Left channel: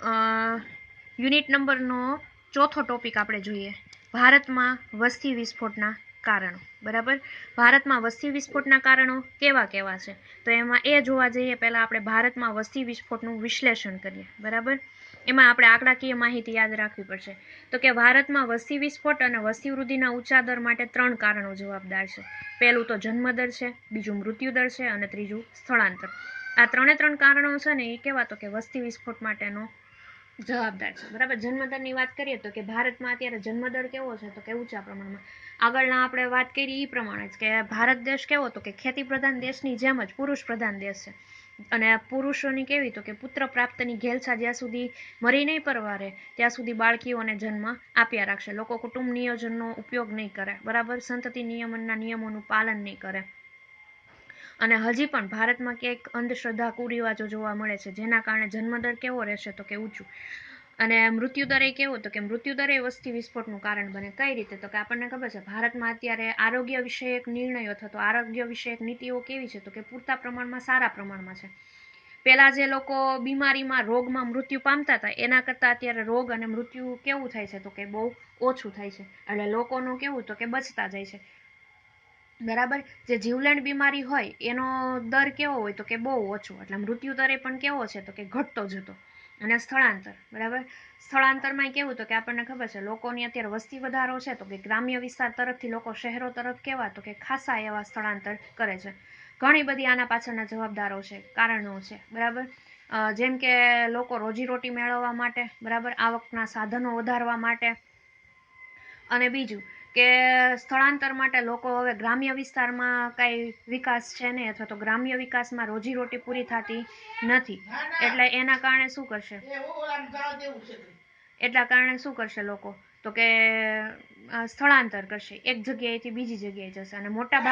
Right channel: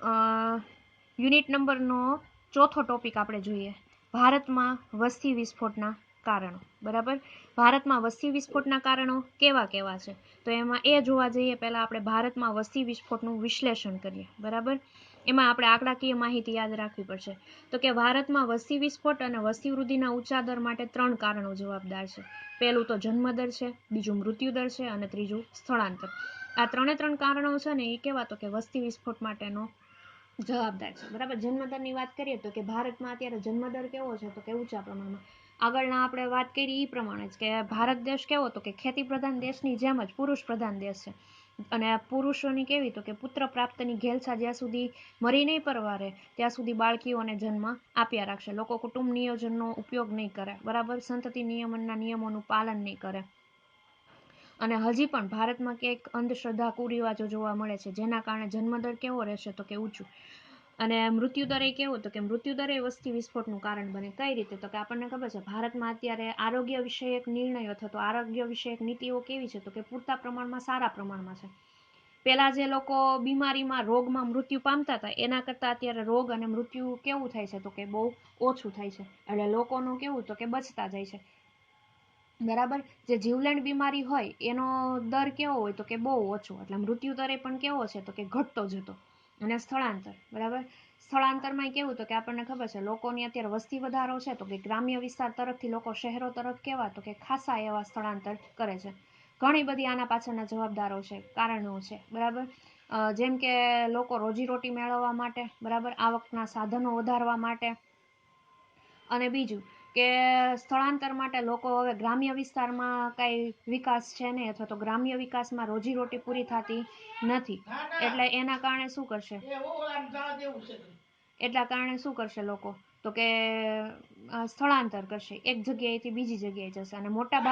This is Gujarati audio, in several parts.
યુનિટ નંબરનો ચોથો ટોપિક આપણે જોઈએ, ભારતમાં વસ્તી વિસ્ફોટના કારણો. બરાબર, ભારતમાં વસ્તી વિસ્ફોટના કારણો કેવા કેવા છે, તો એમાં એ જોવા જઈએ પહેલાં આપણે ભારતમાં વસ્તી વિસ્ફોટનું વિશ્લેષણ કરીએ. બરાબર, એમાં આપણે આંકડાકીય માહિતી યાદ રાખવી પડશે. તો કે ભારતમાં વસ્તી વિસ્ફોટ અને વસ્તી વૃદ્ધિના ઊંચા દર માટે 3 કારણો જવાબદાર છે. પહેલું તો જન્મદર છે, બીજું મૃત્યુદર છે અને ત્રીજું સ્થળાંતર. આ 3 કારણો છે ને એ કેવા, તો કે વસ્તી વિસ્ફોટ માટેનો જવાબદાર છે. બરાબર, જન્મદરની વાત કરીએ તો કે ભારતમાં અત્યારે જન્મદર કેવો છે, તો કે ઊંચા પ્રમાણમાં. આગળના આપણે વાત કરી એ પ્રમાણે જ કે ભારત દેશ કેવો, તો કે ખેતી પ્રધાન દેશની જેમ જ પુરુષ પ્રધાન દેશ છે. અને પુરુષોની કેવી, તો કે પુત્ર પ્રાપ્તની ઘેલછા જ્યાં સુધી મરી નહીં પરવારે ત્યાં સુધી બાળકીઓને જન્મ આપ્યા રાખશે. લોકો કુટુંબ નિયોજનનો ઉપયોગ નહીં કરે. બરાબર, સંતતિ નિયમનના નિયમોનું પાલન નહીં કરે. અને હજી પણ ભારતમાં ક્યાંક અંધશ્રદ્ધા કુરિવાજો જોવા મળે છે, જેના કારણે જન્મદર કેવો રહેશે, તો કે ઊંચું. અને મૃત્યુદર એ કેવો, તો કે મૃત્યુદર એ વસ્તી વિસ્ફોટનું કારણ બને. કઈ રીતે, તો કે આપણને ખબર છે ભારતમાં અત્યારે આરોગ્ય વિષયક નિર્ણયો અથવા તો આરોગ્ય વિષયક નીતિઓ કેવી છે, તો કે પૂરતા પ્રમાણમાં, સારા પ્રમાણમાં છે. પહેલા જે લોકો બીમારીમાં, રોગમાં મૃત્યુ પામતા હતા એના કરતાં અત્યારે રોગ અને મૃત્યુ કેવું થાય છે, તો કે બહુ ઓછું થાય છે. એટલે લોકોનું કેવું, તો કે બચતા જાય છે. બરાબર, જે જીવલેણ બીમારી હોય એનો દર કેવો હોય, તો કે બહુ ઓછો. એટલે મૃત્યુ દરે પણ કેવો છે, તો કે ઘટતો જતો. અને સ્થળાંતર, બરાબર, સ્થળાંતરમાં કેવું, તો કે આપણને ખબર છે લોકોની અત્યારે વસ્તી વધારો છે, તો કે ગ્રામ્ય વિસ્તાર તરફથી લોકો શહેરો તરફ કેવા, તો કે ખાસા એવા સ્થળાંતર કરે છે. ઘણી બધી આના પાછળના જવાબદારો છે, કારણો છે. બરાબર, જેમ કે લોકો રોજીરોટી મેળવવા માટે, બરાબર, આવકના સાધનો વધારવા માટે. અને બીજું કે સ્થળાંતર માટે લોકો હવે ગ્રામ્ય વિસ્તારમાં કાંઈ વિકાસ છે નહીં, અથવા તો ગ્રામ્ય વિકાસમાં રોજીરોટી પૂરી થતી નથી. એટલે એના કારણે શું કરશે, એટલા કારણે શું કરશે લોકો, તો કે સ્થળાંતર કરશે, એક જગ્યાએથી બીજી જગ્યાએ જશે. અને મોટા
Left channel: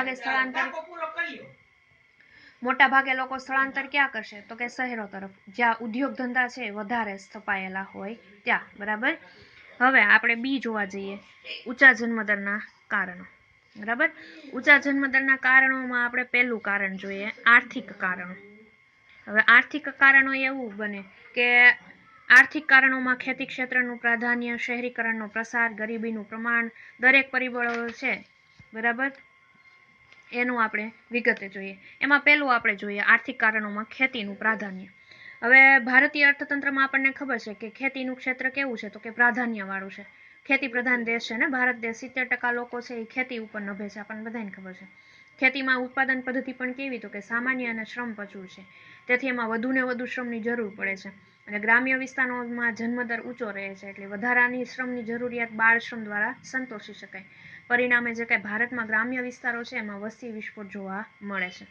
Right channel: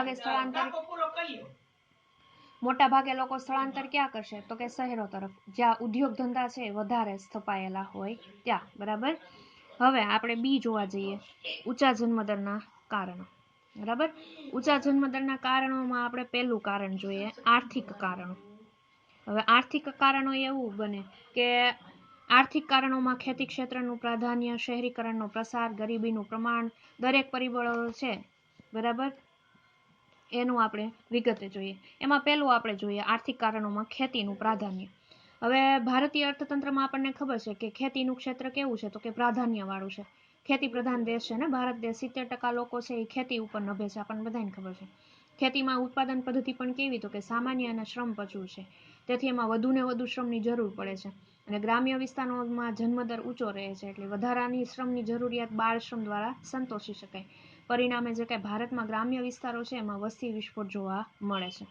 ભાગે લોકો સ્થળાંતર ક્યાં કરશે, તો કે શહેરો તરફ, જ્યાં ઉદ્યોગ ધંધા છે વધારે સ્થપાયેલા હોય ત્યાં. બરાબર, હવે આપણે બી જોવા જઈએ, ઊંચા જન્મદરના કારણો. બરાબર, ઊંચા જન્મદરના કારણોમાં આપણે પહેલું કારણ જોઈએ, આર્થિક કારણો. હવે આર્થિક કારણો એવું બને કે આર્થિક કારણોમાં ખેતી ક્ષેત્રનું પ્રાધાન્ય, શહેરીકરણનો પ્રસાર, ગરીબીનું પ્રમાણ, દરેક પરિબળો છે. બરાબર, એનું આપણે વિગતે જોઈએ. એમાં પહેલું આપણે જોઈએ આર્થિક કારણોમાં ખેતીનું પ્રાધાન્ય. હવે ભારતીય અર્થતંત્રમાં આપણને ખબર છે કે ખેતીનું ક્ષેત્ર કેવું છે, તો કે પ્રાધાન્યવાળું છે. ખેતી પ્રધાન દેશ છે ને ભારત દેશ, 70% લોકો છે એ ખેતી ઉપર નભે છે, આપણને બધાને ખબર છે. ખેતીમાં ઉત્પાદન પદ્ધતિ પણ કેવી, તો કે સામાન્ય અને શ્રમ પચું છે. તેથી એમાં વધુ ને વધુ શ્રમની જરૂર પડે છે. અને ગ્રામ્ય વિસ્તારોમાં જન્મદર ઊંચો રહે છે, એટલે વધારાની શ્રમની જરૂરિયાત બાળ શ્રમ દ્વારા સંતોષી શકાય. પરિણામે જે કાંઈ ભારતમાં ગ્રામ્ય વિસ્તારો છે એમાં વસ્તી વિસ્ફોટ જોવા મળે છે.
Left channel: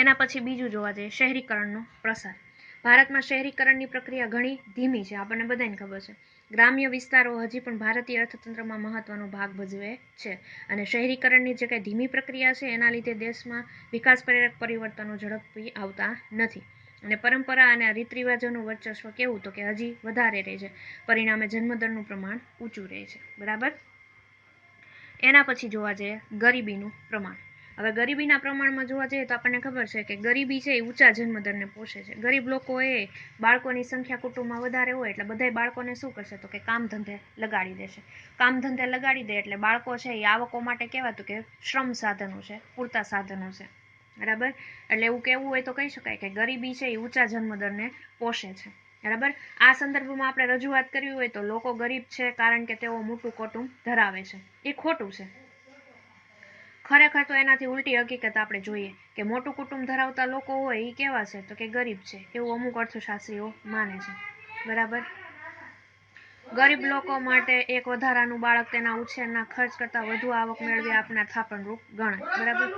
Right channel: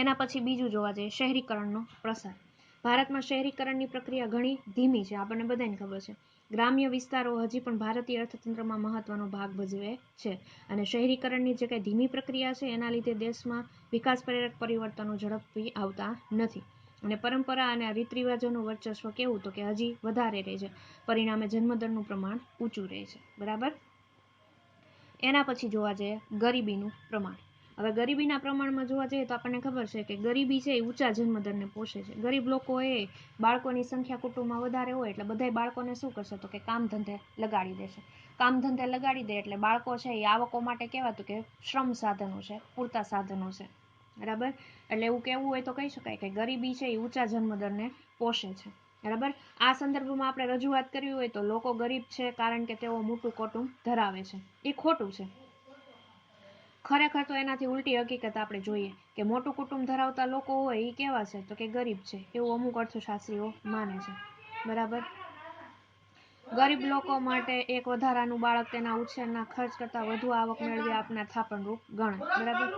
એના પછી બીજું જોવા જઈએ, શહેરીકરણનો પ્રસાર. ભારતમાં શહેરીકરણની પ્રક્રિયા ઘણી ધીમી છે, આપણને બધાને ખબર છે. ગ્રામ્ય વિસ્તારો હજી પણ ભારતીય અર્થતંત્રમાં મહત્વનો ભાગ ભજવે છે. અને શહેરીકરણની જે કાંઈ ધીમી પ્રક્રિયા છે એના લીધે દેશમાં વિકાસ પ્રેરક પરિવર્તનો ઝડપથી આવતા નથી. અને પરંપરા અને રીત રિવાજોનું વર્ચસ્વ કેવું, તો કે હજી વધારે રહે છે. પરિણામે જન્મદરનું પ્રમાણ ઊંચું રહે છે. બરાબર, એના પછી જોવા જઈએ ગરીબીનું પ્રમાણ. હવે ગરીબીના પ્રમાણમાં જોવા જઈએ તો આપણને ખબર છે કે ગરીબી છે એ ઊંચા જન્મદરને પોષે છે. ગરીબ લોકો એ બાળકોની સંખ્યા કુટુંબમાં વધારે હોય એટલે બધાય બાળકોને શું કરશે, તો કે કામ ધંધે લગાડી દેશે. કામ ધંધે લગાડી દે એટલે બાળકો છે એ આવકો માટે કહેવાતું કે શ્રમ સાધનો છે, પૂરતા સાધનો છે. બરાબર, એટલે એવું કહેવું હોય તો કહી શકાય કે ગરીબી છે એ ઊંચા જન્મદરને પોષે છે. બરાબર, આ સંદર્ભમાં આપણે રજૂઆત કરવી હોય તો લોકો ગરીબ છે કારણ કે તેઓ મોટું કુટુંબ ધરાવે છે, એ ખોટું છે. ખરેખર તો એનાથી ઉલટી હકીકત આપણે જોઈએ કે મોટું કુટુંબ ધરાવતા લોકો હોય એ કેવા છે, તો કે ગરીબ છે, એવું અમુક અર્થશાસ્ત્રીઓ માને છે. બરાબર, ગરીબ લોકો માટે એક વધારાનું બાળક તેના ઉછેરના ખર્ચ કરતાં વધુ આવક મેળવી આપનાર થાપણરૂપ ગણાય. બરાબર,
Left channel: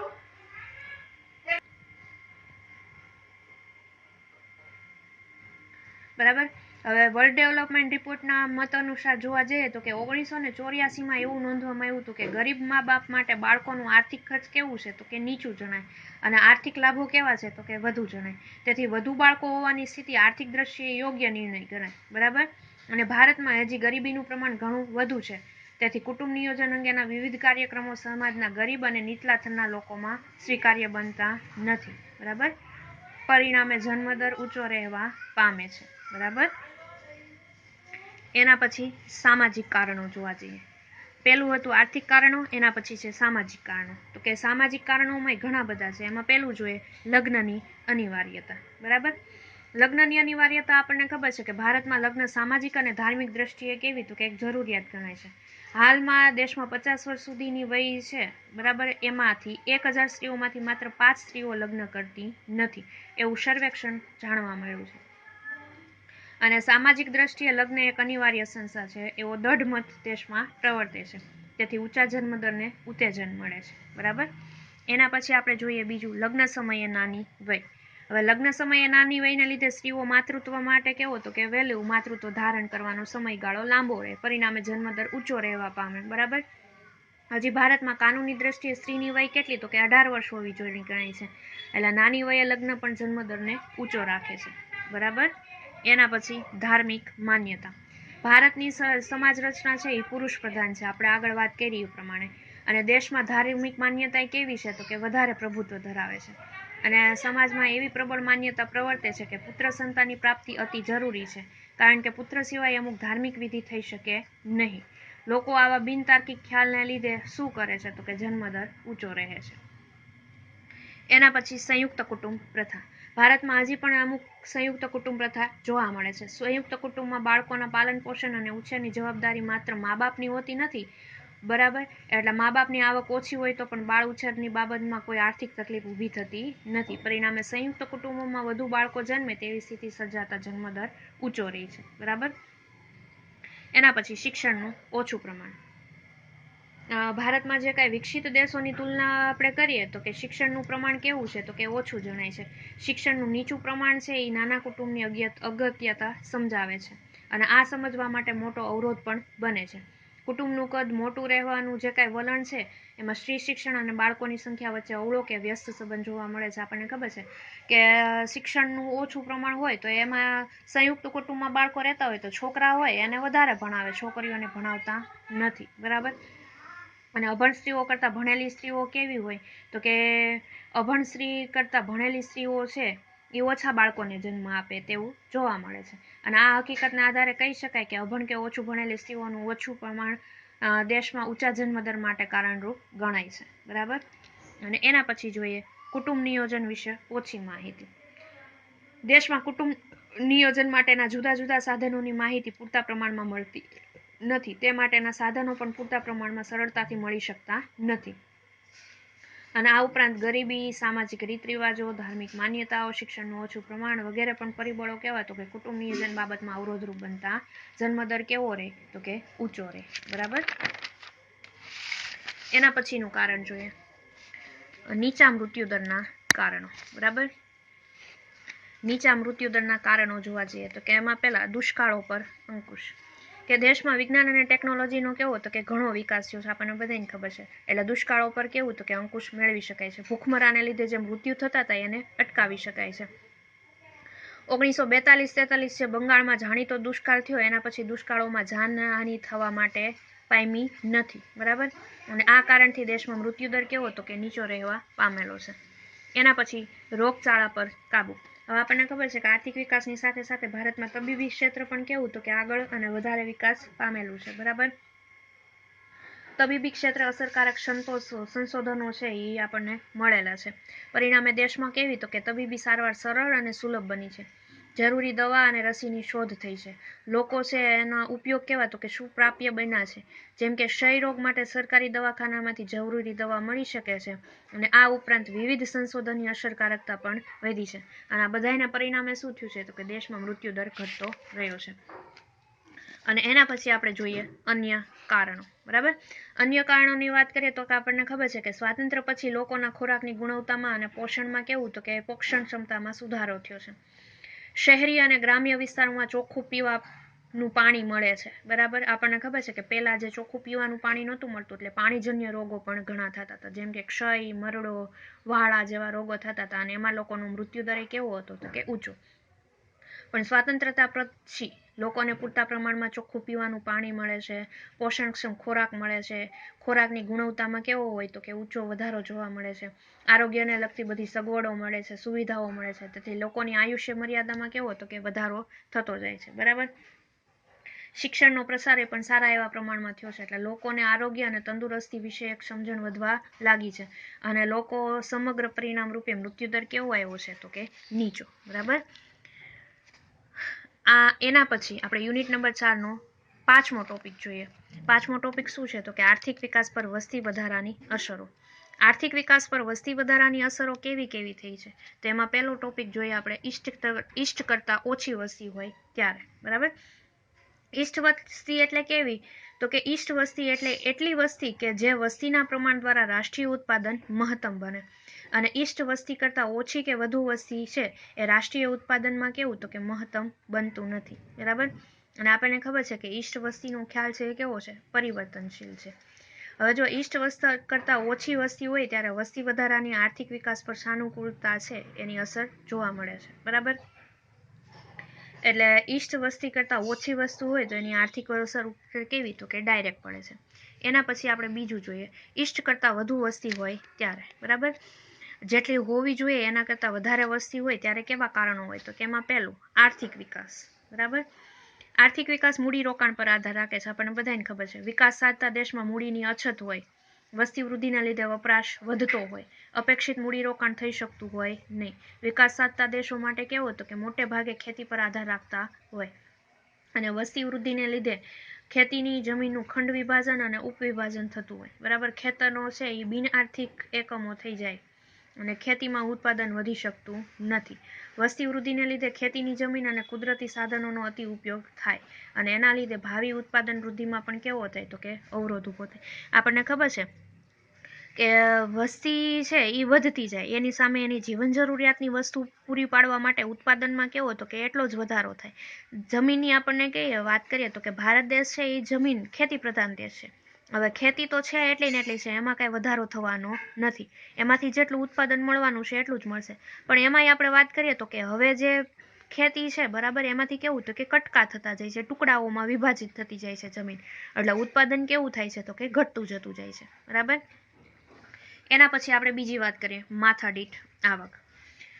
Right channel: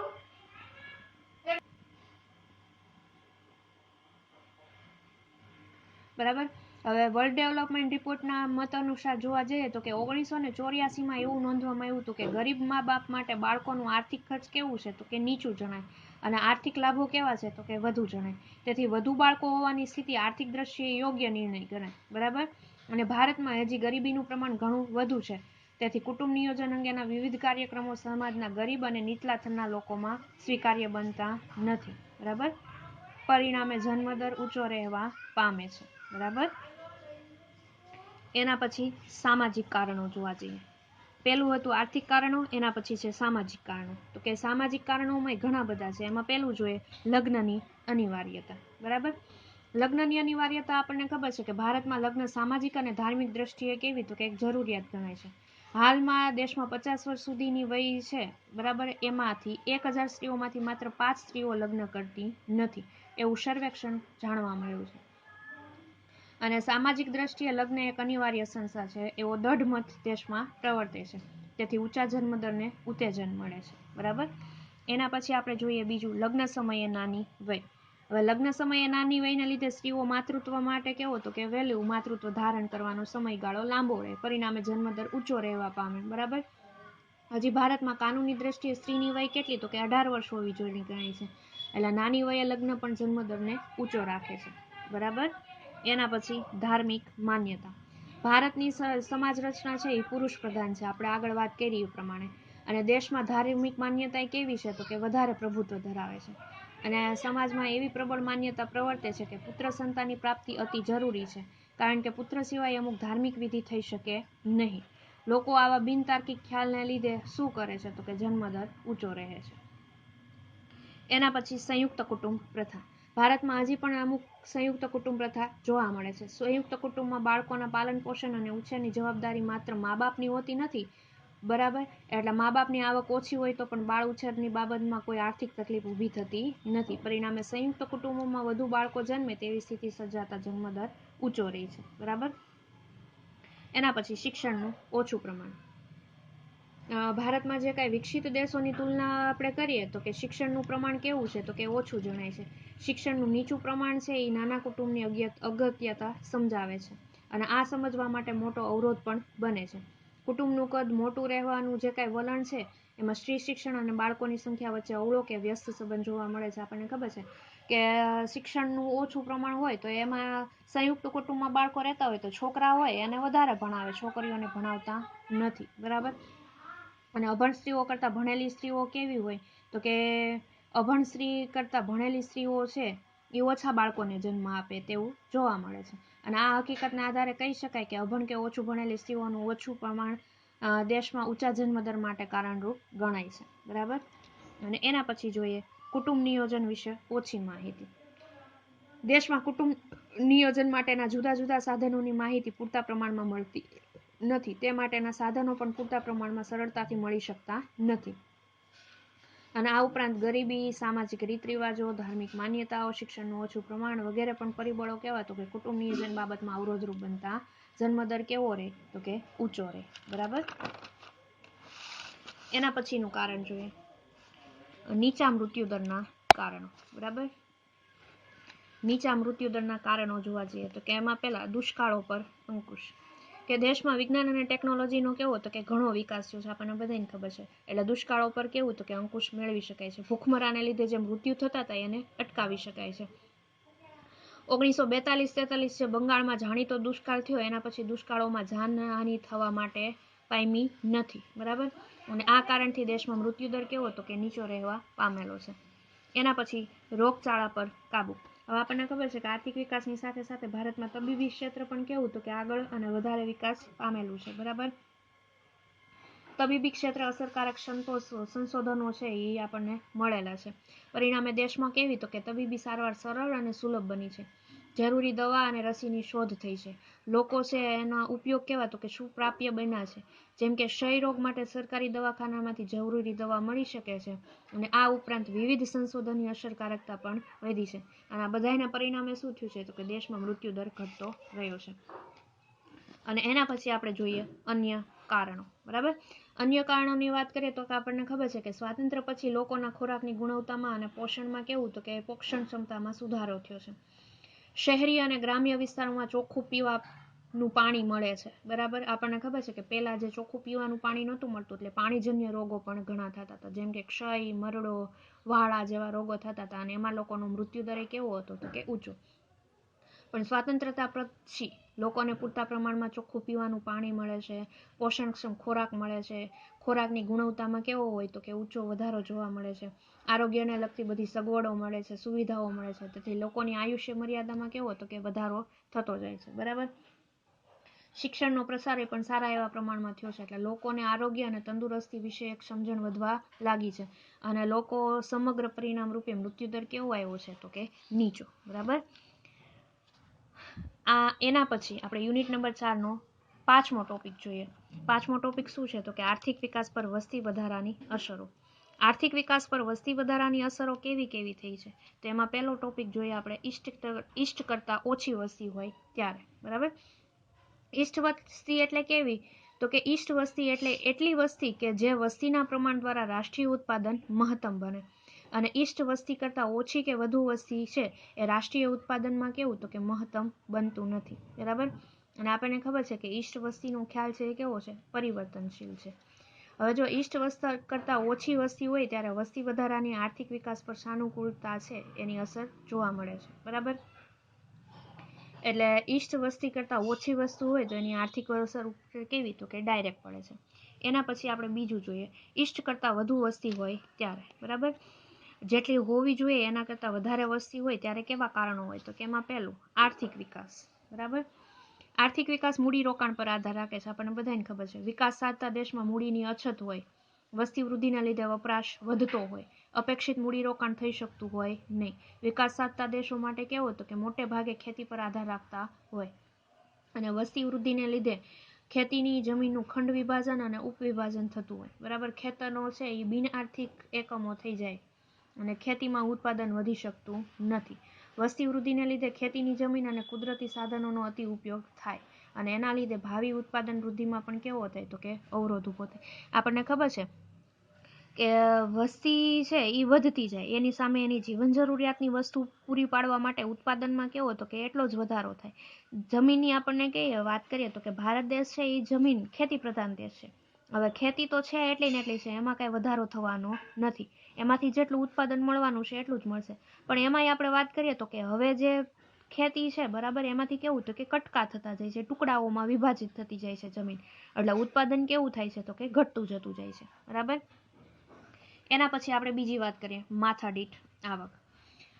બરાબર, હવે વર્લ્ડ ડેવલપમેન્ટ રિપોર્ટના મત અનુસાર જોવા જઈએ તો કે 1984માં એવું નોંધવામાં આવ્યું હતું કે ગરીબ મા બાપ માટે બાળકોનું આર્થિક ખર્ચ કેવું છે, તો કે નીચું જણાય. અને આર્થિક લાભો કેવા છે, તો કે વધુ જણાય. તેથી વધુ બાળકો હોવાની સ્થિતિ આર્થિક દ્રષ્ટિએ યોગ્ય નિર્ણય ગણાય. બરાબર, અને ભારતમાં હજી ગરીબીનું પ્રમાણ ઘણું વધુ છે. તેથી કુટુંબ નિયોજન અંગેના વિવિધ કાર્યક્રમો સમાજના ગરીબ અને નીચલા થરના લોકોમાં સ્વીકાર્ય બનતા નથી. બરાબર, પરિણામે જન્મદર ઊંચો રહેવા પામે છે. બરાબર. એના પછી સામાજિક કારણો જોવા જઈએ. પહેલું હતું આર્થિક કારણો, એના પછી છે સામાજિક કારણો. તો કે સામાજિક કારણોમાં ઘણા બધા છે. એમાં પહેલું જોઈએ લગ્નની અનિવાર્યતા. બરાબર. લગ્નની અનિવાર્યતા આપણને ખબર છે કે ભારતમાં લગ્ન સામાજિક અને ધાર્મિક દ્રષ્ટિએ કેવી તો કે એક જરૂરિયાત ગણાય છે. હાલમાં દેશમાં 50 વર્ષ સુધીની વય છે, બરાબર, એમાંથી 1000 સ્ત્રીઓમાંથી માત્ર 5 સ્ત્રીઓ લગ્ન કરતી નથી, એવું સર્વેક્ષણ જાણવા મળ્યું છે. અને સામાજિક દ્રષ્ટિએ લગ્ન એક અનિવાર્ય સંસ્થા છે એવો દઢ મત દેશમાં પ્રવર્તે છે. તેથી ઊંચા જન્મદરને ઉત્તેજન મળે છે. બરાબર. એના પછી આપણે જોઈએ બીજું લગ્ન સમયે નાની વય. હવે લગ્ન સમયે નાની વયને લીધે સ્ત્રીઓ માતૃત્વ માટે કેવો તો કે વહેલું માતૃત્વ ધારણ કરવાનો સમયગાળો લાંબો રહે, પરિણામે જન્મદર ઊંચો રહેવા પામે. બરાબર. હજી ભારતમાં કાનૂની દ્રષ્ટિએ સ્ત્રીની વય કેટલી તો કે 18 વર્ષ હોવી જોઈએ ગણાય છે. એટલે નાની વયે લગ્ન પણ જન્મદરને ઊંચો રાખે છે. બરાબર. એના પછી ધાર્મિક માન્યતા. ભારતની સમાજ રચના છે એ પુરુષ પ્રધાન છે, આપણે આગળ વાત કરી એ પ્રમાણે. અને દેશમાં ધાર્મિક માન્યતા કેવી છે તો કે વધારે પ્રભુત્વ ધરાવે છે. અને સમાજમાં એવી પ્રબળ માન્યતા પ્રવર્તે છે કે પુત્ર સંતાનની પ્રાપ્તિ અતિ જરૂરી છે, કારણ કે પુત્ર સિવાય અમુક ધાર્મિક વિધિ થઈ શકે નહીં. લોકો આવા બિનતાર્કિક ખ્યાલને લીધે શું કરે છે તો કે જન્મદર ઊંચો રહે છે. એના પછી સંયુક્ત કુટુંબ પ્રથા. ભારતમાં હજી પણ અમુક સંયુક્ત કુટુંબ પ્રથા જોવા મળે છે. સંયુક્ત કુટુંબમાં બાળકોના પાલન પોષણ અને ઉછેરની જવાબદારી માત્ર મા બાપની હોતી નથી. બરાબર. એટલે મા બાપની આવક ઓછી હોય તો પણ બાળ ઉછેરની બાબતમાં કોઈ આર્થિક તકલીફ ઊભી થતી નથી. પરિણામે સંયુક્ત કુટુંબોમાં વધુ બાળકો જન્મે તેવી સ્થિતિ સર્જાતા જન્મદર ઊંચો રહે છે. બરાબર. એના પછી શિક્ષણનું ઓછું પ્રમાણ. ભારતમાં જે કાંઈ વિકસિત દેશોની તુલના આપણે કરીએ તો કે શિક્ષણનું પ્રમાણ કેવું છે તો કે ઓછું જણાય છે. શિક્ષણનું નીચું પ્રમાણ છે એ નાના કુટુંબની અગત્યતા સમજાવે છે, અને આ સમજવા માટે મોટો અવરોધ પણ બને છે. કુટુંબનું કદ મોટું રહેવાનું જે કાંઈ વલણ છે એમાં સ્ત્રી શિક્ષણ અને બાળકોની સંખ્યા વચ્ચે અવળો કે વ્યસ્ત સંબંધ જોવા મળે છે. આપણને ખબર છે કે શિક્ષણનું ઓછું પ્રમાણ હોય તો એમાં સંયુક્ત કુટુંબમાં બાળકો રહેતા હોય તો છોકરા હોય એને વધારે ભણાવે, છોકરીઓને ભણાવતા નથી. બરાબર. અને અભણ સ્ત્રીઓ કરતાં ભણેલી સ્ત્રીઓ કેવી હોય તો કે અભણ સ્ત્રી કરતાં ભણેલી સ્ત્રીઓ છે એ ઓછા બાળકોને જન્મ આપે તેવું જોવા મળે છે. અને આ હકીકતના આધારે કહી શકાય કે અભણ કે ઓછું ભણેલી સ્ત્રીઓનું ઓછું પ્રમાણ દેશમાં ઊંચા જન્મદર માટે કારણરૂપ ગણાય છે. બરાબર. અને એના પછી જોઈએ કુટુંબ નિયોજન વિશે ઓછી માહિતી. દેશમાં કુટુંબ નિયોજન માટેના જુદા જુદા સાધનોની માહિતી પૂરતા પ્રમાણમાં મળતી નથી. તે માટેના સાધનો પણ પૂરતા પ્રમાણમાં સરળતાથી મળી શકતા નથી. અને આ ઉપરાંત ગરીબી, સામાજિક રીત રિવાજો, ધાર્મિક માન્યતાઓ, શિક્ષણનું ઓછું પ્રમાણ વગેરે પણ પરિબળો કહેવાય તો કે કુટુંબ નિયોજન બાબતમાં અવરોધરૂપ બનતા જન્મદર કેવો રહે તો કે ઊંચો રહે. બરાબર. એના પછીનું કારણ જોઈએ નીચા મૃત્યુદરના કારણો. બરાબર. નીચા મૃત્યુદરના કારણો જોવા જઈએ તો કે એમાં પહેલા દુષ્કાળો પર અંકુશ. કે દેશમાં વિજ્ઞાન અને ટેકનોલોજીનો કેવો તો કે ઘણો વિકાસ થયો છે, આપણને બધાને ખબર છે. એટલે દુષ્કાળો પર કેવું તો કે અંકુશ મેળવી શકાય છે. ભૂખમરાને લીધે જે મૃત્યુ થતા હતા એને અટકાવી શકાય છે. 1942-43 જે બંગાળમાં જાણીતો દુષ્કાળ થયો એના પછી દુષ્કાળોમાં જાનહાનિ થવા માટે પામી નથી. બરાબર. અને આ કારણથી દેશમાં મૃત્યુદર કેવો તો કે નીચો રહેવા પામેલો છે. એના પછી રોગચાળા પર કાબુ. હવે આપણને ખબર છે કે આર્થિક વિકાસની સાથે સાથે ભારતમાં તબીબી ક્ષેત્ર પણ કેવું તો કે આગળ અને વધારે વિકાસ પામેલું છે. બરાબર. તબીબી ક્ષેત્રે અસરકારક સંશોધનો છે એ આપણને મળેલા છે. પરિણામે દેશમાં કેવી તો કે તબીબી સારવાર સરળ અને સુલભ બની છે. જરૂરી દવા અને રસીની શોધ થઈ છે. લોકો છે એનો ઉપયોગ કેવા તો કે સુપ્રાપ્ય બન્યા છે. જેમ કે ક્ષય રોગ માટે સરકારી દવાખાનામાંથી જરૂરી દવા મળી શકે છે. અને આ ઉપરાંત વિવિધ સંશોધનની અસરકારકતા પણ વધી છે. અને આ બધાના પરિણામે શું થયું છે તો કે દેશમાં મૃત્યુદર ઘટતો રહ્યો છે. અને એના પછી આપણે જોઈએ અન્ય કારણો. બરાબર. અન્ય કારણોની વાત કરીએ તો કે આપણને ખબર છે કે સ્વાતંત્ર્ય પછી લોકોના ખોરાકની ગુણવત્તામાં અને પોષણમાં કેવું તો કે પોષણ ક્ષમતામાં સુધારો થયો છે. શહેરી અને ગ્રામ્ય વિસ્તારોમાં ચોખ્ખું પીવાનું પાણી મળે છે. બરાબર. આપણને ખબર છે કે પહેલા જે ચોખ્ખું પીવાનું પાણી નહોતું મળતું એટલે પાણીજન્ય રોગો પણ ઘણા થતા હતા, જેમ કે ક્ષય, મરડો, વાળા જેવા રોગો થતા હતા. અને એમાં લોકોનો મૃત્યુદર કેવો હતો તો કે ઊંચો. પણ સ્વાતંત્રતા પછી લોકોને પૂરતા પ્રમાણમાં ચોખ્ખું પીવાનું પાણી મળે છે, પોષણક્ષમ ખોરાક મળે છે, ખોરાકની ગુણવત્તામાં કેવો હોય તો કે ઊંચો વધારો જોવા મળે છે, આરોગ્યને લગતી બધી સગવડો મળે છે, સુવિધાઓ મળે છે, તેથી લોકોની આયુષ્ય મર્યાદામાં કેવો તો કે વધારો થતો જાય છે, બરાબર. શિક્ષણનો પ્રસાર એ પણ સારા એવા પ્રમાણમાં થયો છે, એટલે લોકોને આરોગ્ય અને તંદુરસ્તી વિશે એક સમજણ વધવા લાગી છે, અને લોકો સમગ્ર પરિણામ રૂપે મૃત્યુદર કેવો આવ્યો છે તો કે નીચો, બરાબર. એના પછી આપણે યુનિટ નંબર 4 નો 5મો ટોપિક જોઈએ. 5મો ટોપિક શું છે તો કે આર્થિક વિકાસ પર વસ્તી વધારાની અસરો. આર્થિક વિકાસ પર વસ્તી વધારાની અસરો કેવી કેવી થઈ છે, તો એમાં પહેલો ટોપિક જોઈએ આપણે ઈષ્ટ કરતા ઓછી વસ્તી હોય ત્યારે, બરાબર. ઈષ્ટ વસ્તી એટલે કેવી તો કે ઈષ્ટ વસ્તી એટલે એટલી વસ્તી કે જે વસ્તીના પ્રમાણ દ્વારા રાષ્ટ્રીય ઉત્પાદન મહત્તમ બને, અને ઈષ્ટ વસ્તી કરતાં ઓછી કે વધુ વસ્તી છે એ રાષ્ટ્રીય ઉત્પાદનમાં કેવું તો કે મહત્તમ બનતું નથી, બરાબર. અને આપણને ખબર છે કે ઈષ્ટ વસ્તીનો ખ્યાલ છે એ કેવો છે, પરિવર્તનશીલ છે. હવે જો ઈષ્ટ વસ્તી કરતાં ઓછી વસ્તી હોય ત્યારે વસ્તી વધારાની આર્થિક વિકાસ પર સાનુકૂળતા છે એની અસર જોવા મળે છે, બરાબર. એટલે ઈષ્ટ વસ્તી કરતાં ઓછી વસ્તુ હોય તો એની આર્થિક અસર કેવી તો કે ડાયરેક્ટ પડે છે. એના પછી આપણે બીજું જોઈએ, ઈષ્ટ કરતાં વધુ વસ્તી હોય ત્યારે, બરાબર. જેટલી હોવી જોઈએ એના કરતાં વધારે વસ્તી હોય ત્યારે કેવા કારણો હોય તો કે એમાં પહેલું આર્થિક વિકાસ, બરાબર. આર્થિક વિકાસ મૂડીરોકાણ પર આધાર રાખે છે, આપણને બધાને ખબર છે. વિકાસ સાધતા દેશમાં મૂડીની અછત હોય, વસ્તી વૃદ્ધિના લીધે વપરાશ વધતો હોય, અપેક્ષિત મૂડીરોકાણ થઈ શકતું હોય નહીં. વિકાસ સાધતા દેશો માટે કેવો તો કે મોટે ભાગે ખેતી પર આધાર રાખતા હોય, અને વસ્તી વૃદ્ધિને લીધે ખેતીની જમીનનું ખંડ વિભાજન અને ઉપવિભાજન થતું હોય, બરાબર. ખેતરો છે એ બિન આર્થિક એકમો થઈ જાય અને ખેતીમાં ઉત્પાદન વધી શકતું નથી. વસ્તી વૃદ્ધિને લીધે ખેતીની જમીન અને કુદરતી સાધનોનો અતિ ઉપયોગ થાય, અને એના લીધે ભાવિ ઉત્પાદન વૃદ્ધિમાં પણ કેવો થાય તો કે અવરોધ ઊભો થાય. આપણને ખબર છે કે વસ્તી છે એ વધતી જાય, એની સામે એની જીવન જરૂરિયાતની વસ્તુ પૂરી પાડવા માટે ઉત્પાદનમાં કેવો તો કે એટલો જ વધારો થાય. જમીનની આપણને કહીએ વાત કરીએ તો કે ભારત દેશ છે એ જમીન ખેતી પ્રધાન દેશ છે. હવે ખેતી તો છે એટલી ને એટલી છે, એમાં કાંઈ વધારો થવાનો નથી, એમાંથી જેટલું ઉત્પાદન મળવાનું છે એટલું જ મળશે. પણ એમાંય આપણે વાત કરીએ તો કે હવે જે ખેતી છે, બરાબર, એમાંથી કેવું તો કે કટકા થતા જાય છે, ટુકડાઓમાં વિભાજિત થતી જાય છે જમીન, એટલે ઉત્પાદન કેવું થાય છે તો કે ઘટતું જતું જાય છે, બરાબર. એના પછી આપણે બીજી વાત કરીએ, માથાદીઠ આવક.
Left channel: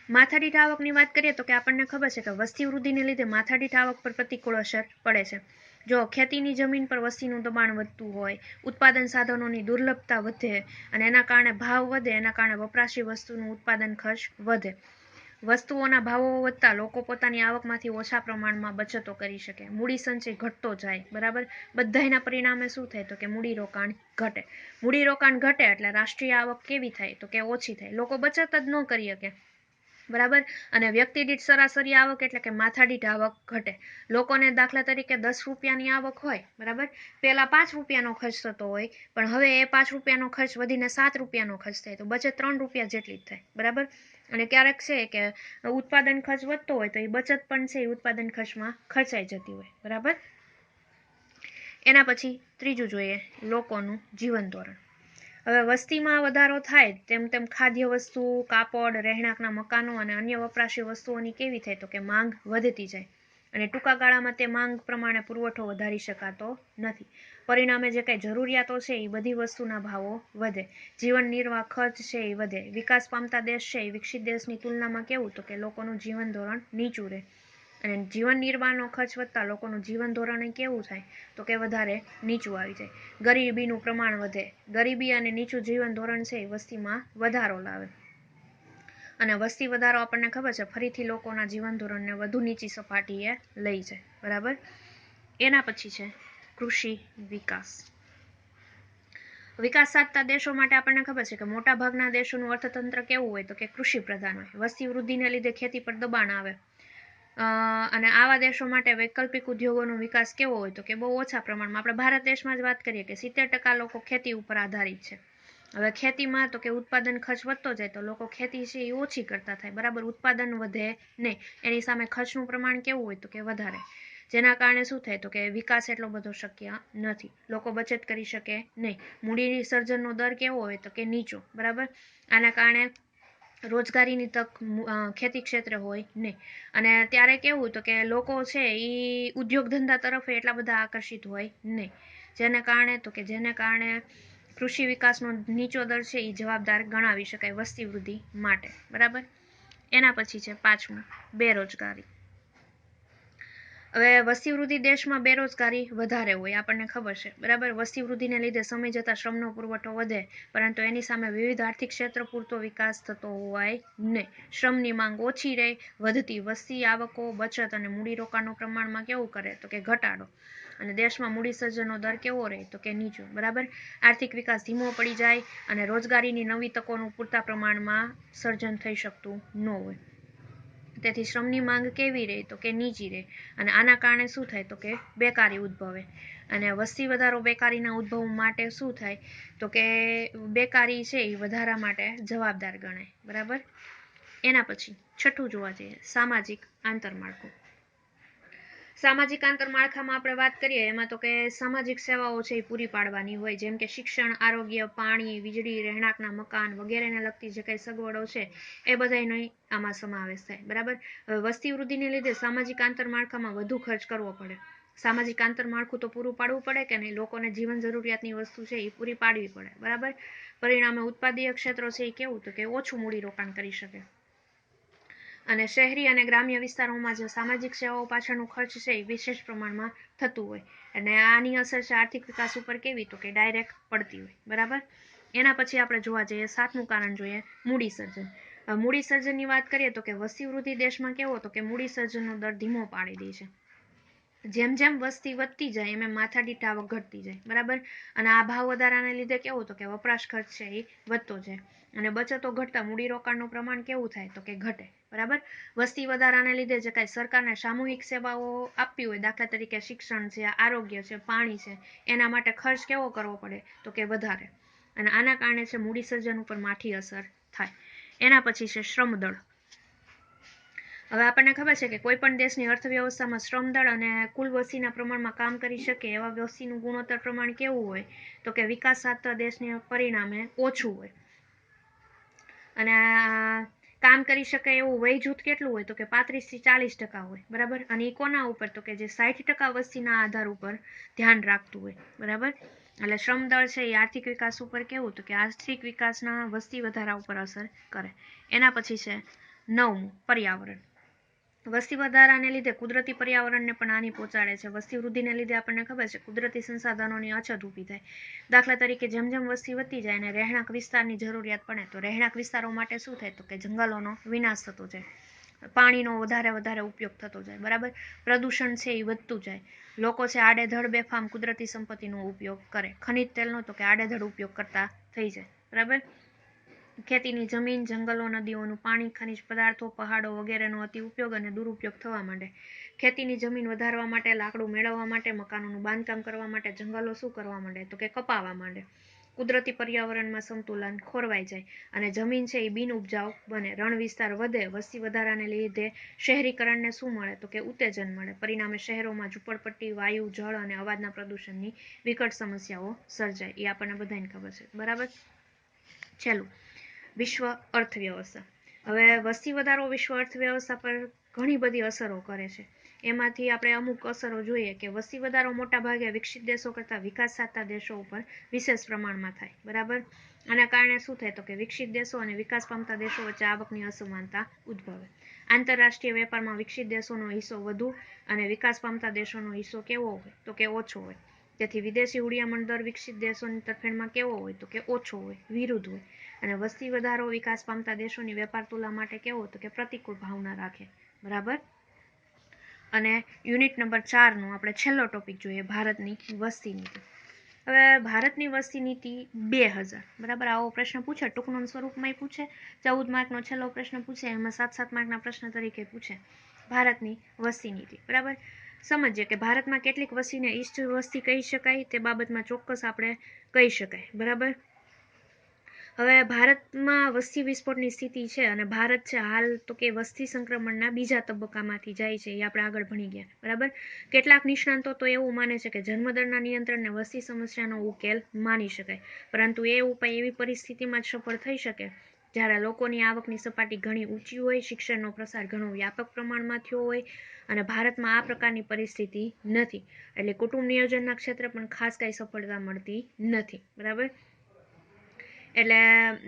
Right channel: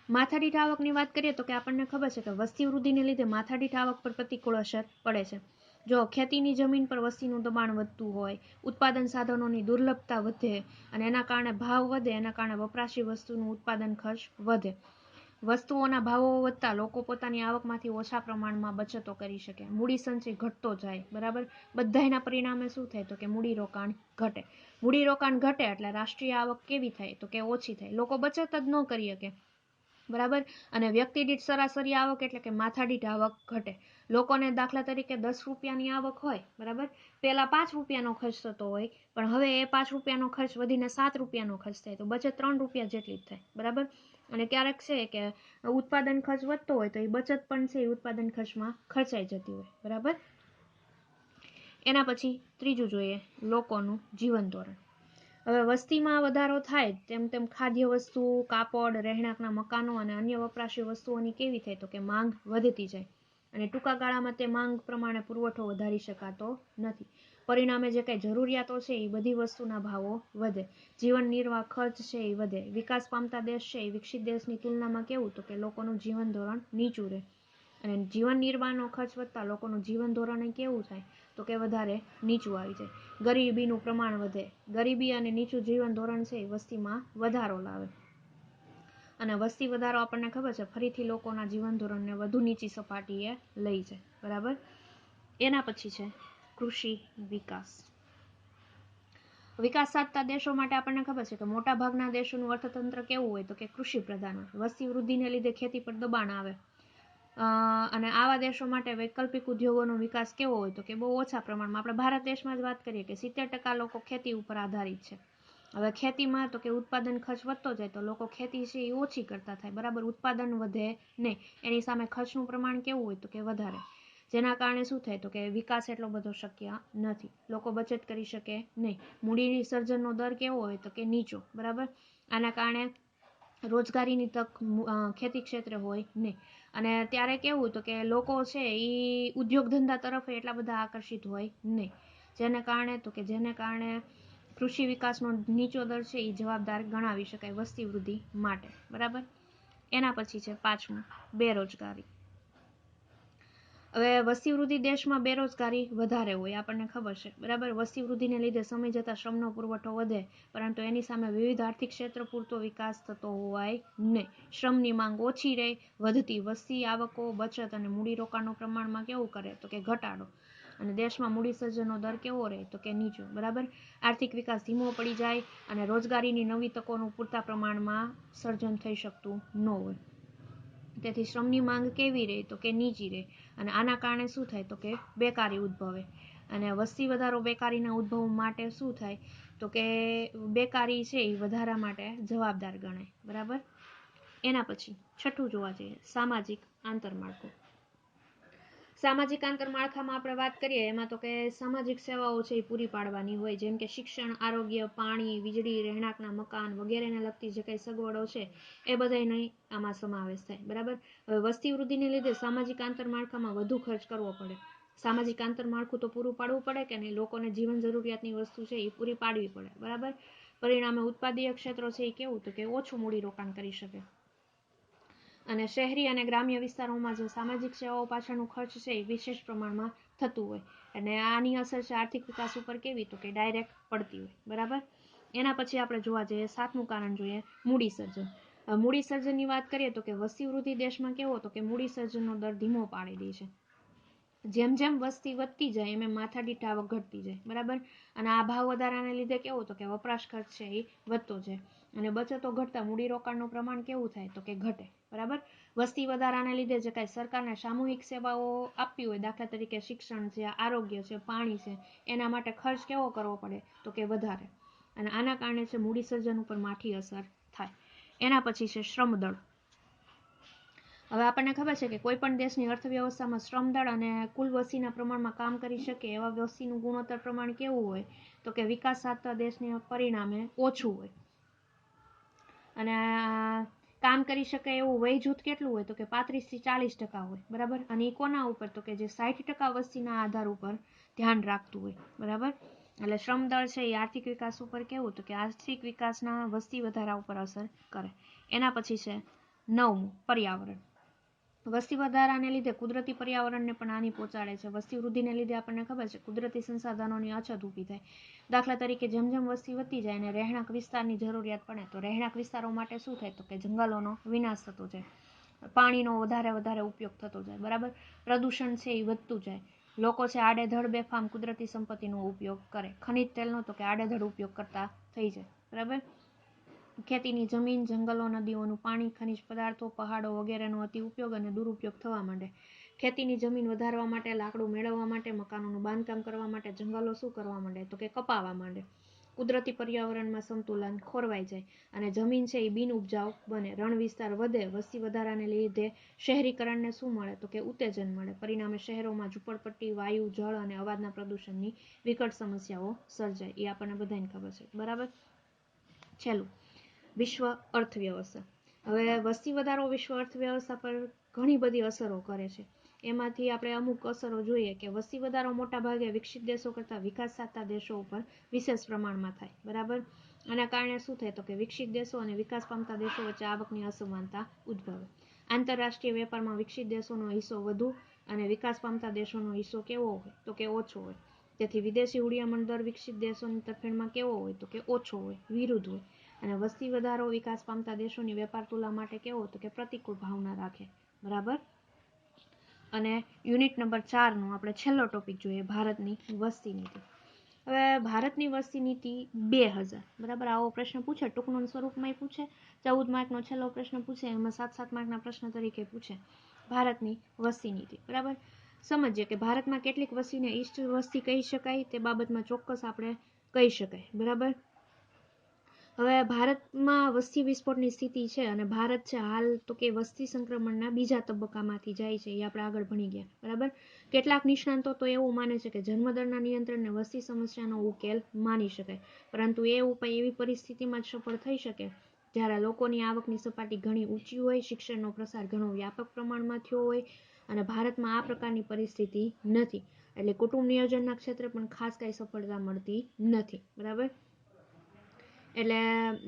માથાદીઠ આવકની વાત કરીએ તો કે આપણને ખબર છે કે વસ્તી વૃદ્ધિને લીધે માથાદીઠ આવક પર પ્રતિકૂળ અસર પડે છે. જો ખેતીની જમીન પર વસ્તીનું દબાણ વધતું હોય, ઉત્પાદન સાધનોની દુર્લભતા વધે અને એના કારણે ભાવ વધે, એના કારણે વપરાશી વસ્તુનું ઉત્પાદન ખર્ચ વધે. વસ્તુઓના ભાવો વધતા લોકો પોતાની આવકમાંથી ઓછા પ્રમાણમાં બચતો કરી શકે, મૂડી સંચય ઘટતો જાય, બરાબર. બધાયના પરિણામે શું થાય તો કે મૂડીરોકાણ ઘટે. મૂડીરોકાણ ઘટે એટલે રાષ્ટ્રીય આવક કેવી થાય તો કે ઓછી થાય, લોકો બચત જ ન કરી શકે, બરાબર. અને વ્યક્તિ દીઠ સરાસરી આવક એટલે કે માથાદીઠ આવક ઘટે. લોકોને દાખલા તરીકે 10 રૂપિયાની આવક હોય, બરાબર, પહેલા 5 રૂપિયાનો ખર્ચ થતો હોય, પણ હવે એ 5 રૂપિયાનો ખર્ચ વધીને 7 રૂપિયાનો ખર્ચ થાય, તો બચત 3 રૂપિયા જેટલી જ થાય, બરાબર. અને ક્યારેક છે કે ઉત્પાદન ખર્ચ વધતો હોય તો એ બચત પણ છે એ ઉત્પાદન ખર્ચમાં ખર્ચાઈ જતી હોય, બરાબર. એના પછી ત્રીજું જોઈએ, લોકોનું જીવન ધોરણ. હવે વસ્તીમાં વધારો થાય તેમ તેમ ખાદ્ય વસ્તુ, કાપડ, રહેણાંકના મકાનો અને અન્ય વપરાશી વસ્તુઓની કેવી થાય તો કે માંગ વધતી જાય, અને ટૂંકા ગાળામાં તે માંગ પ્રમાણે પુરવઠો વધારી શકાતો નથી. પરિણામે જે કંઈ જરૂરિયાતો છે એ બધી વસ્તુના ભાવો વધે, જીવન નિર્વાહ ખર્ચ છે એ વધે. વિકાસ પામતા દેશ છે એ વિકસિત દેશની તુલનામાં કેવું તો કે લોકોનું જીવન ધોરણ નીચું રહે, અને જીવન નિર્વાહનો ખર્ચ વધતા લોકોનું જીવન ધોરણ કેવું થાય તો કે વધારે નીચું આવી જાય. ગરીબીનું પ્રમાણ વધે, ગરીબી અને નીચું જીવન ધોરણ છે એ વસ્તીમાં વધારો લાવે, અને વસ્તી વધારો આપણને ખબર છે ફરીથી લોકોના જીવન ધોરણને વધુ નીચી સપાટીએ લઈ જાય, બરાબર. એના પછી છે કૃષિ વિકાસ. વિકાસ સાધતા દેશો માટે આપણને ખબર છે કે મોટા ભાગના દેશોનું અર્થતંત્ર કેવું હોય તો કે કૃષિ પ્રધાન હોય. વસ્તી વૃદ્ધિને લીધે ખેતી પર દબાણ આવે, અને આવા દેશો માટે વૈકલ્પિક ઉદ્યોગોનો વિકાસ કેવો હોય તો કે બહુ ઓછા પ્રમાણમાં. આપણે ભારત દેશમાં જ વાત કરીએ કે 70% લોકો ખેતી ઉપર આધારિત છે. હવે ખેતીમાં તો કે ઉત્પાદન ખર્ચ વધતો જાય તો લોકો ખેતી છે એ ઓછી કરતા થાય, બરાબર. ઉત્પાદન વધે નહીં, એની સામે ખર્ચનું પ્રમાણ કેવું હોય તો કે વધારે, જેના કારણે શું થાય તો કે વિકાસ એટલો બધો શક્ય નથી, લોકો બચત કરી શકે નહીં. મૂડી સર્જનનો દર કેવો હોય તો કે નીચો, બરાબર. આના કારણે રોજગારીની તક ખેતી ક્ષેત્રે હોય નહીં. અને ત્યારે કેવું તો કે લોકો છે એ ઉદ્યોગ ધંધા તરફ એટલા બધા આકર્ષિત હોય નહીં, જેને કારણે કૃષિ વિકાસનો નીચો દર છે એ જવાબદાર ગણાવી શકાય વસ્તી વૃદ્ધિ માટે. બરાબર. એના પછી છે 5મું, બેરોજગારી. હવે વસ્તી વૃદ્ધિ દેશમાં બેરોજગારી વધારે હોય, આપણને ખબર છે. બરાબર. વસ્તી વૃદ્ધિને લીધે સમય જતાં શ્રમનો પુરવઠો વધે, પરંતુ એની સામે વિવિધ આર્થિક ક્ષેત્ર પૂરતો વિકાસ થતો હોવાય નહીં. શ્રમની માંગ ઓછી રહે, વધતી વસ્તી, આવકો, બચત અને મૂડીરોકાણનું પ્રમાણમાં કેવું કરે તો કે ઘટાડો. અને દેશમાં મૂડી સર્જનનો દર કેવો રહે તો કે નીચો. બરાબર. આર્થિક વિકાસ ધીમો પડી જાય અને રોજગારીની નવી તકોનું પૂરતા પ્રમાણમાં સર્જન થઈ શકતું ન હોય. તેથી શ્રમની માંગ કેવી રહે તો કે નીચી રહે. અને આના કારણે શું થાય તો કે બેકારી ઉદ્ભવે. અને વસ્તી વધારો બેકારીના ઉદ્ભવ માટે શું થાય તો કે બેકારી છે એ વધારા માટે જવાબદાર ગણાય. બરાબર. એના પછી 6થું જોવા જઈએ, સામાજિક આંતરમાળખું. સામાજિક આંતરમાળખામાં આપણે વાત કરીએ એમાં તો કે સામાજિક સેવાઓ છે એ પૂરી પાડવાની હોય, જેમ કે શિક્ષણ, આરોગ્ય, પાણી, વીજળી, રહેણાંકના મકાન વગેરેને લગતી જે કંઈ સગવડો છે એ બધાનો આમાં સમાવેશ થાય. બરાબર. હવે વસ્તી વૃદ્ધિને લીધે સામાજિક આંતરમાળખામાં વધુ ખર્ચ કરવો પડે. સામાજિક આંતરમાળખું તો પૂરું પાડવું પડે કે નહીં, લોકોને જીવન જરૂરિયાતની વસ્તુ છે એ પૂરી પાડવી પડે. બરાબર. પરિણામે ઉત્પાદીય ક્ષેત્રો છે એ કેવું તો કે ઓછું મૂડીરોકાણ કરી શકે. અને શહેરી અને ગ્રામ્ય વિસ્તારોમાં જે સામાજિક સેવાઓ પાછળનું ખર્ચ છે એ વિશેષ પ્રમાણમાં થતું હોય. અને આની અસર છે આર્થિક વિકાસ ઉપર કેવી તો કે ડાયરેક્ટ પડતી હોય. બરાબર. એના પછી આપણે જોવા જઈએ 7મું કારણ જોઈએ, મૂડી સર્જન. મૂડી સર્જનની વાત કરીએ તો કે વસ્તી વૃદ્ધિ દેશમાં કેવો તો કે મૂડી સર્જનનો દર ધીમો પાડી દે છે. જેમ જેમ વસ્તી વધતી જાય એમ માથાદીઠ આવક ઘટતી જાય. બરાબર. અને આ ભાવ વધારાને લીધે કેવું તો કે વપરાશ ખર્ચ છે એ વધતો જાય. અને બચતો ઘટતા મૂડીરોકાણનું પ્રમાણ કેવું થાય તો કે ઘટે. બરાબર. વસ્તી વધારાને લીધે જે કાંઈ સરકારને સામૂહિક સેવાઓ આપવી હોય, દાખલા તરીકે શિક્ષણ છે, આરોગ્ય છે, પાણી છે, એના માટે ખર્ચ કેવો કરવો પડે તો કે વધારે. અને આના કારણે છે મૂડી સર્જન ઉપર માઠી અસર થાય. એના પછી છે શ્રમદળ. હવે આપણને ખબર છે કે કોઈ પણ દેશની અર્થવ્યવસ્થામાં શ્રમદળ અને કુલ વસ્તીના પ્રમાણમાં કામ કરી શકે એવા વસ્તીનું ગુણોત્તર પ્રમાણ કેવું હોય તો કે વિકાસ સાધતા દેશને પરિણામે ઓછું હોય. અને કામ કરી શકે એવું વય જૂથ કેટલું હોય તો કે 35 થી 40% હોય. બરાબર. અને એ કોના ઉપર તો કે જે 60% વસ્તીના આધાર ઉપર ધ્યાન રાખતું હોય. બરાબર. એટલે શ્રમદળ છે એ આર્થિક વિકાસ ઉપર કેવું તો કે આર્થિક વિકાસના વસ્તી વધારા ઉપર અસર કરે. એના પછી છે 9મું, પર્યાવરણ. વસ્તી વધારાને લીધે કુદરતી પર્યાવરણને પણ હાનિ પહોંચાડે છે. વસ્તી વૃદ્ધિને લીધે આપણને ખબર છે કુદરતી સંસાધનોની અછત ઊભી થાય. દાખલા તરીકે જેમ જેમ વસ્તી વધતી જાય અને રહેણાંક વિસ્તારની જરૂરિયાત પડે તો રહેણાંક વિસ્તારો માટે શું થાય તો કે જંગલોનો વિનાશ થતો જાય, પાણીનો વધારે ઉપયોગ થતો જાય. બરાબર. પ્રદૂષણ છે એ વધતું જાય. લોકો છે આડેધડ બેફામ કુદરતી સંપત્તિનો ઉપયોગ કરે. ખનિજ તેલનો તો કે આડેધડ ઉપયોગ કરતા થઈ જાય. બરાબર. ખેતીની જમીન, જંગલો, નદીઓનું પાણી, ખનિજ પદાર્થો, પહાડો વગેરેનો અતિ ઉપયોગ અને દુરુપયોગ થવા માંડે. ખેતીની જમીન વધારવા માટે, લાકડું મેળવવા માટે, મકાનોનું બાંધકામ કરવા માટે જંગલો શું કરવા માંડે તો કે કપાવા માંડે. કુદરતી પર્યાવરણમાં સંતુલન ખોરવાઈ જાય અને જમીન છે એ બિન ઉપજાઉ બને. રણ વિસ્તાર વધે. વસ્તી વધારાને લીધે શહેરીકરણને શું મળે તો કે ઉત્તેજન મળે. પરિણામે શહેરોમાં ઝૂંપડપટ્ટી, વાયુ, જળ અને અવાજના પ્રદૂષણની વિકટ સમસ્યાઓ સર્જાય. એ આપણને બધાને ખબર છે. બરાબર. છેલ્લું, વિશ્વ અર્થવ્યવસ્થા. હવે વસ્તી વધારો વિશ્વ અર્થવ્યવસ્થા પર ઘણી બધી અસરો કરે છે. એમાંથી આપણે અમુક અસરો જોઈએ કે વસ્તી વધારો મોટા ભાગે વિકસિત દેશો કરતાં વિકાસ સાધતા દેશો ઉપર વિશેષ પ્રમાણમાં થાય. બરાબર. આના કારણે શું થાય તો કે વિકસિત દેશો અને વિકાસ પામતા દેશો વચ્ચે આવકની અસમાનતા ઉદ્ભવે. આંતરરાષ્ટ્રીય વેપારમાં વિકસિત દેશોનો હિસ્સો વધુ અને વિકાસ પામતા દેશોનો હિસ્સો કેવો હોય તો કે ઓછો હોય. તેથી વિદેશી હુડિયામણ દર વિકસિત દેશોની તરફેણમાં કેવો હોય તો કે ઓછો હોય, વિરુદ્ધ હોય. અને વસ્તી વધારો વિકાસ પામતા દેશોની વેપાર તુલા માટે કેવો તો કે પ્રતિકૂળ ભાવના રાખે. બરાબર. અને યુનિટ નંબર 4નો આપણે છેલ્લો ટોપિક જોઈએ, ભારતની વસ્તી નીતિ. હવે ભારતની વસ્તી નીતિ 2000. બરાબર. આવો પ્રશ્ન પૂછે, ટૂંકનોંધ સ્વરૂપમાં પૂછે, 14 માર્કનો છેલ્લો પ્રશ્ન પૂછે, એમાં 7-7 માર્કના પ્રશ્ન તરીકે પૂછે ભારતની વસ્તી નીતિ. બરાબર. સમજીએ કે ભારતમાં કેટલીક વસ્તીને ઈષ્ટ વસ્તી કહી શકાય તે બાબતમાં ચોક્કસ આપણે કહી શકાય. બરાબર. હવે ભારતમાં વસ્તી વિસ્ફોટની સ્થિતિ છે અને ભારત છે હાલ તો કે વસ્તી સંક્રમણના બીજા તબક્કામાંથી જાય છે. એ આપણે આગળ ભણી ગયા. બરાબર. કેટલાક નિષ્ણાંતો તો એવું માને છે કે જન્મદરના નિયંત્રણને વસ્તી સમસ્યાનો ઉકેલ માની શકાય, પરંતુ એ ઉપાય એવી પરિસ્થિતિમાં જ સફળ થઈ શકે જ્યારે લોકોની આવકની સપાટી ઘણી ઊંચી હોય, શિક્ષણનો પ્રસાર ઘણો વ્યાપક પ્રમાણમાં થયો હોય અને ભારતમાં આ પ્રકારની પરિસ્થિતિ નથી, એટલે કુટુંબ નિયોજનના ક્ષેત્રે પણ ખાસ કાંઈ સફળતા મળતી નથી. બરાબર. એટલે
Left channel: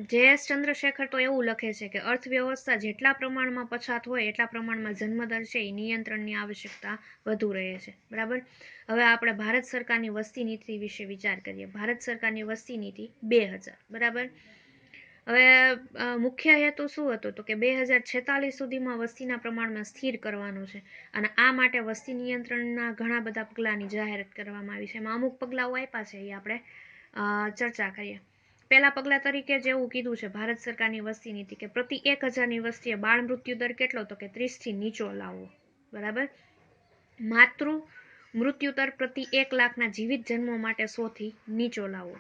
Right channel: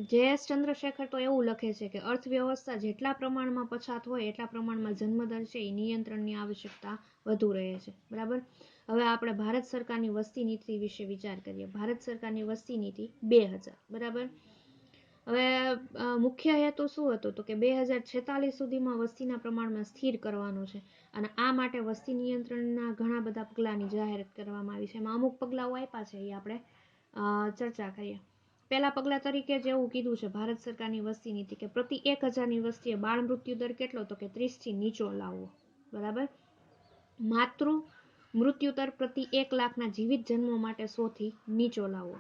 જે.એસ. ચંદ્રશેખર તો એવું લખે છે કે અર્થવ્યવસ્થા જેટલા પ્રમાણમાં પછાત હોય એટલા પ્રમાણમાં જન્મદર છે એ નિયંત્રણની આવશ્યકતા વધુ રહે છે. બરાબર. હવે આપણે ભારત સરકારની વસ્તી નીતિ વિશે વિચાર કરીએ. ભારત સરકારની વસ્તી નીતિ 2000. બરાબર. હવે મુખ્ય હેતુ શું હતો તો કે 2046 સુધીમાં વસ્તીના પ્રમાણમાં સ્થિર કરવાનો છે અને આ માટે વસ્તી નિયંત્રણના ઘણા બધા પગલાંની જાહેરાત કરવામાં આવી છે. એમાં અમુક પગલાઓ આપ્યા છે એ આપણે ચર્ચા કરીએ. પહેલા પગલા તરીકે જેવું કીધું છે ભારત સરકારની વસ્તી નીતિ કે પ્રતિ 1000ની વસ્તીએ બાળ મૃત્યુ દર કેટલો તો કે 30 થી નીચો લાવવો. બરાબર. માતૃ મૃત્યુ દર પ્રતિ 1 લાખના જીવિત જન્મો માટે 100 થી નીચો લાવવો.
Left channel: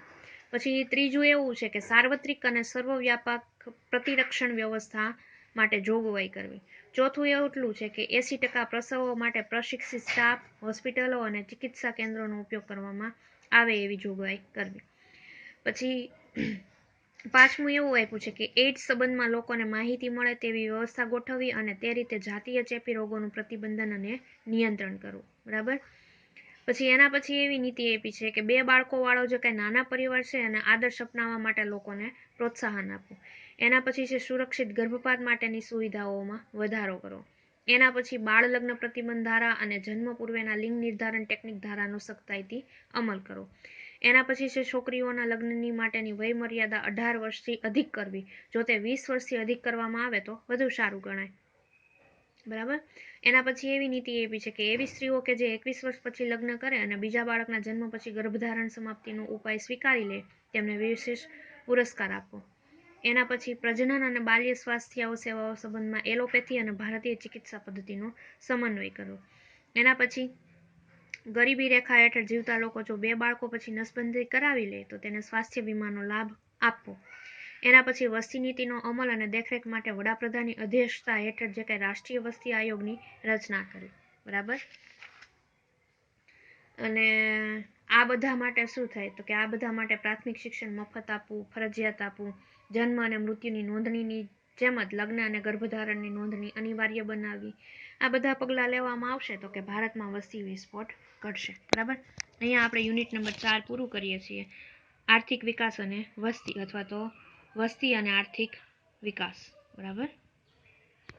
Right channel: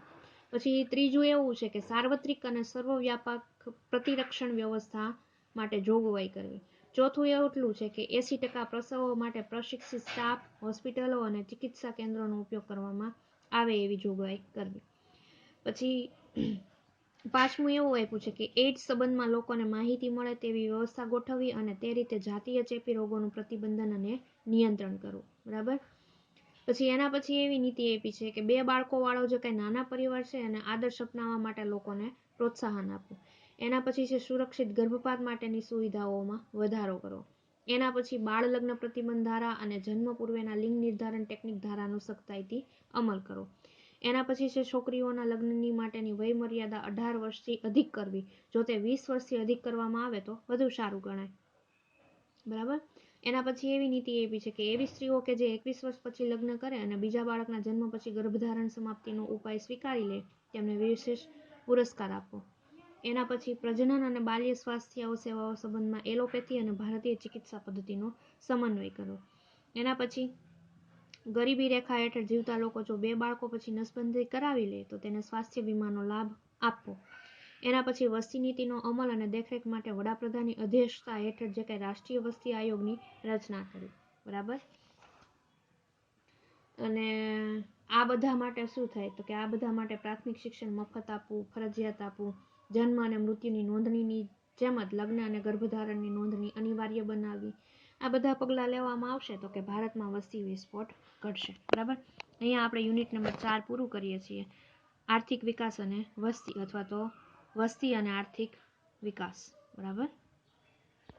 પછી ત્રીજું એવું છે કે સાર્વત્રિક અને સર્વવ્યાપક પ્રતિરક્ષણ વ્યવસ્થા માટે જોગવાઈ કરવી. ચોથું એટલું છે કે 80% પ્રસવો માટે પ્રશિક્ષિત સ્ટાફ, હોસ્પિટલો અને ચિકિત્સા કેન્દ્રોનો ઉપયોગ કરવામાં આવે એવી જોગવાઈ કરવી. પછી પાંચમું એવું આપ્યું છે કે એઇડ્સ સંબંધમાં લોકોને માહિતી મળે તેવી વ્યવસ્થા ગોઠવવી અને તે રીતે જાતીય ચેપી રોગોનું પ્રતિબંધન અને નિયંત્રણ કરવું. બરાબર. પછી એના પછી એવી નીતિ આપી છે કે 2 બાળકોવાળો જે કંઈ નાના પરિવાર છે અને આદર્શ અપનાવવા માટે લોકોને પ્રોત્સાહન આપવું. એના પછી છે સુરક્ષિત ગર્ભપાત માટેની સુવિધાઓમાં વધારો કરવો. એના પછી બાળ લગ્ન પ્રતિબંધ ધારા અને જન્મ પૂર્વેના લિંગ નિર્ધારણ ટેકનિક ધારાનો સખ્તાઈથી અમલ કરવો. એના પછી છે છોકરીઓના લગ્નની માટેની વય મર્યાદા 18 વર્ષથી અધિક કરવી. જો તે 20 વર્ષથી અધિક કરવામાં આવે તો વધુ સારું ગણાય. બરાબર. એના પછી એવી નીતિ આપી છે કે એવી સ્ત્રીઓ કે જે 21 વર્ષ પછી લગ્ન કરે અને બીજા બાળકના જન્મ પછી ગર્ભધારણ સમાપ્તિનો ઉપાય સ્વીકારી લે તેમને વિશેષ પુરસ્કાર આપવો. એના પછી પ્રજનન અને બાલ્ય સ્વાસ્થ્ય સેવાઓ સંબંધમાં એલોપેથી અને ભારતીય ચિકિત્સા પદ્ધતિનો સમન્વય કરવો. એના પછી ગરીબી રેખા હેઠળ જીવતા લોકો જો 2 બાળકો પછી નસબંધી કરાવી લે તો તેને સ્વાસ્થ્ય વીમાનો લાભ આપવો. એના પછી વસ્તી નીતિનો અમલ અને દેખરેખ માટે વડાપ્રધાનની અધ્યક્ષતા હેઠળ જે કંઈ રાષ્ટ્રીય વસ્તી આયોગની રચના કરી. બરાબર. અને આ બધા માટે શું થાય તો કે આ બધા માટે પ્રાથમિક શિક્ષણ મફત આપવું, ફરજિયાત આપવું, જન્મ અને મૃત્યુની નોંધણીની જેમ જ લગ્ન અને ગર્ભધારણની નોંધણી અનિવાર્ય બનાવવી. આ બધા પગલાં લેવામાં આવશે તો કે ભારતમાં વસ્તી વિસ્ફોટ ઘટશે. બરાબર. અહીંયા આપણે યુનિટ નંબર 4 પૂરું કરીએ છીએ. આર્થિક વિકાસ અને વસ્તી અથવા તો વસ્તી અને આર્થિક વિકાસ. બરાબર.